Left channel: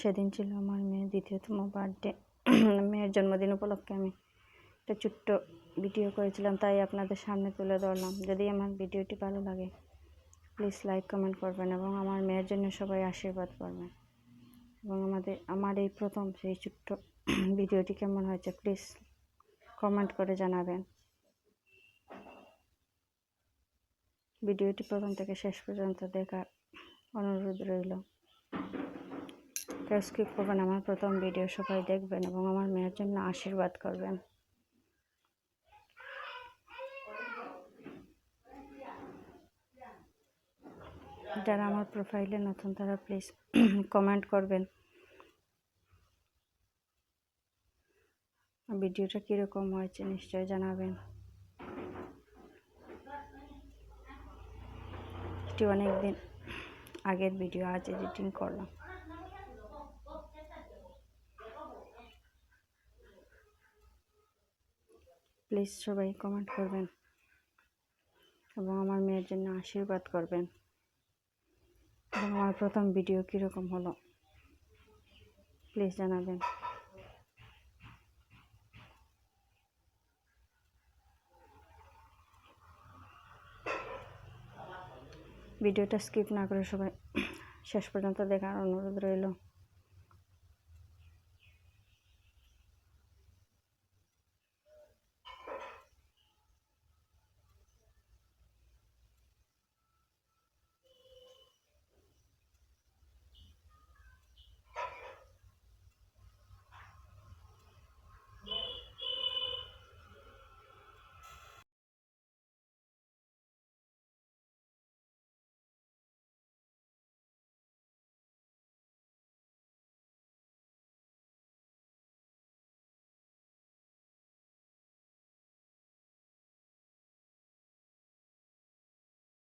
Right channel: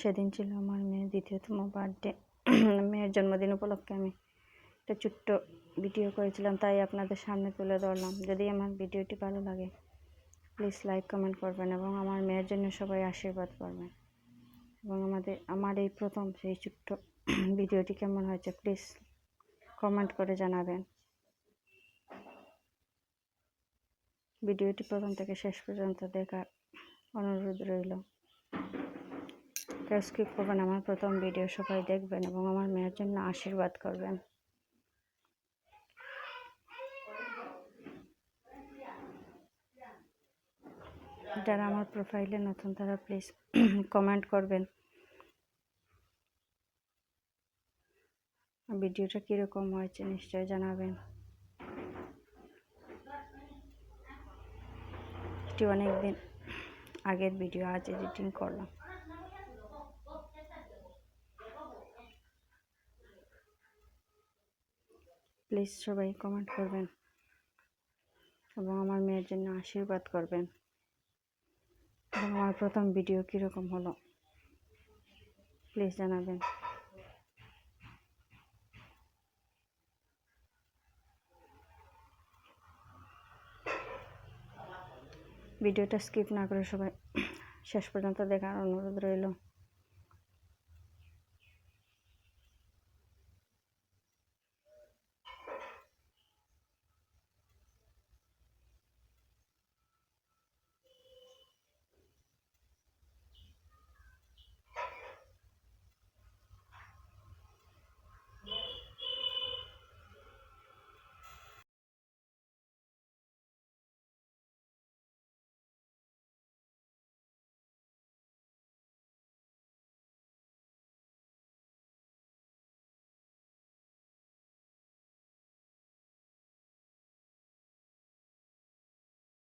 সেদিন ছিল আমার মেয়ের দ্বিতীয়তম বার্থডে। মেয়ের জন্মদিন উপলক্ষে আমি একটা ছোট্ট ভিডিও করেছিলাম, তাই আপনাদের সামনে তুলে ধরলাম। যদি আমার ভিডিওটি ভালো লাগে প্লিজ লাইক কমেন্ট করবেন এবং আমার মেয়ের জন্য সবাই আশীর্বাদ করবেন। এবং আমার এই প্রথম সেই ছোট্ট ভিডিওটি কেমন হয়েছে প্লিজ কমেন্ট করে জানাবেন। ভিডিওটি প্রথম থেকে শেষ পর্যন্ত দেখার অনুরোধ রইল। স্কিপ করবেন। আমার প্রথম ভিডিও সবাই দেখবেন এবং আমার মেয়ের জন্য আশীর্বাদ করবেন। যারা আমার প্রোফাইলে নতুন তারা প্লিজ কমেন্ট করবেন ভিডিওটা কীরকম হয়েছে, নিশ্চয় জানাবেন। এটি অনেকদিন আগের ভিডিও, আজ এডিটিং করলাম। প্লিজ সবাই কমেন্ট করবেন এবং আমার মেয়ের জন্য আশীর্বাদ করবেন। এবং আমার প্রথম ভিডিও কীরকম হলো প্লিজ জানাবেন। ভিডিওটা স্কিপ না করে সবাই শেষ পর্যন্ত দেখার অনুরোধ রইল।